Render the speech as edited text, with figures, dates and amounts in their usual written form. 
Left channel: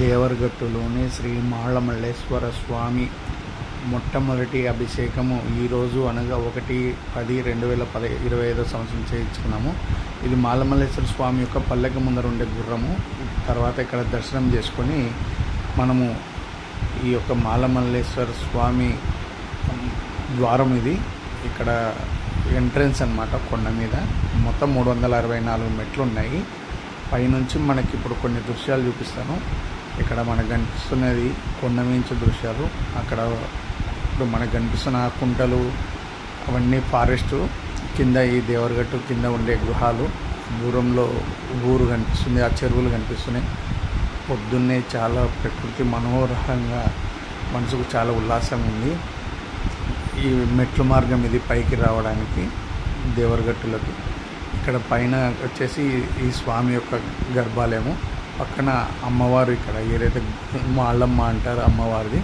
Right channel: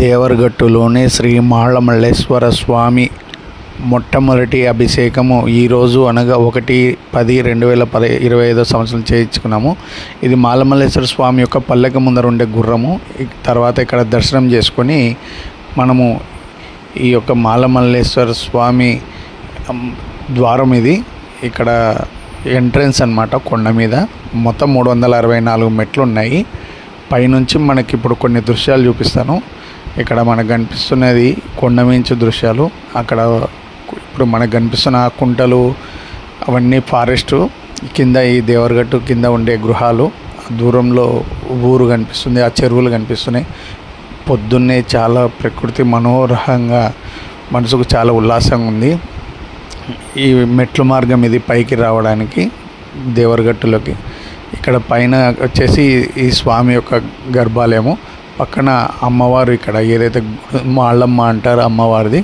దేవరగట్టులోని శ్రీ మాళమల్లేశ్వర స్వామి మొట్టమొదటి అభిషేకము ఈరోజు అనగా 1/10/2025 సంవత్సరం చేయించుకున్నాము. ఇది మాళమల్లేశ్వర స్వామి యొక్క పల్లెకి ముందర ఉండే గుర్రము. తర్వాత ఇక్కడ దర్శనం చేసుకొని మనము ఈ యొక్క మాళమల్లేశ్వర స్వామి ద్వారం ఇది ఇక్కడ ఎంట్రన్స్ అన్నమాట. కొండ మీద మొత్తం 364 మెట్లు ఉన్నాయి. పైనుంచి మనకి ఇప్పుడు కొన్ని దృశ్యాలు చూపిస్తాను. ఇక్కడ మనకు కనిపిస్తున్నది కొండమించు దృశ్యాలు. అక్కడ ఇప్పుడు మనకు కనిపిస్తున్న ఆ కుంటలు అవన్నీ ఫారెస్ట్ కింద, ఈ దేవరగట్టు కింద ఉండే గృహాలు. దూరంలో ఊరు కనిపిస్తుంది, ఆ చెరువులు కనిపిస్తున్నాయి. పొద్దున్నే చాలా ప్రకృతి మనోహరంగా, మనసుకు చాలా ఉల్లాసంగా ఉంది. ఈ మెట్ల మార్గం ఇది పైకి రావడానికి దేవరగట్టులోకి. ఇక్కడ పైన వచ్చేసి ఈ స్వామి యొక్క గర్భాలయము, పక్కన అమ్మవారు, ఇక్కడ ఏదైతే మాళ్ళమ్మ అంటారో అమ్మవారిది.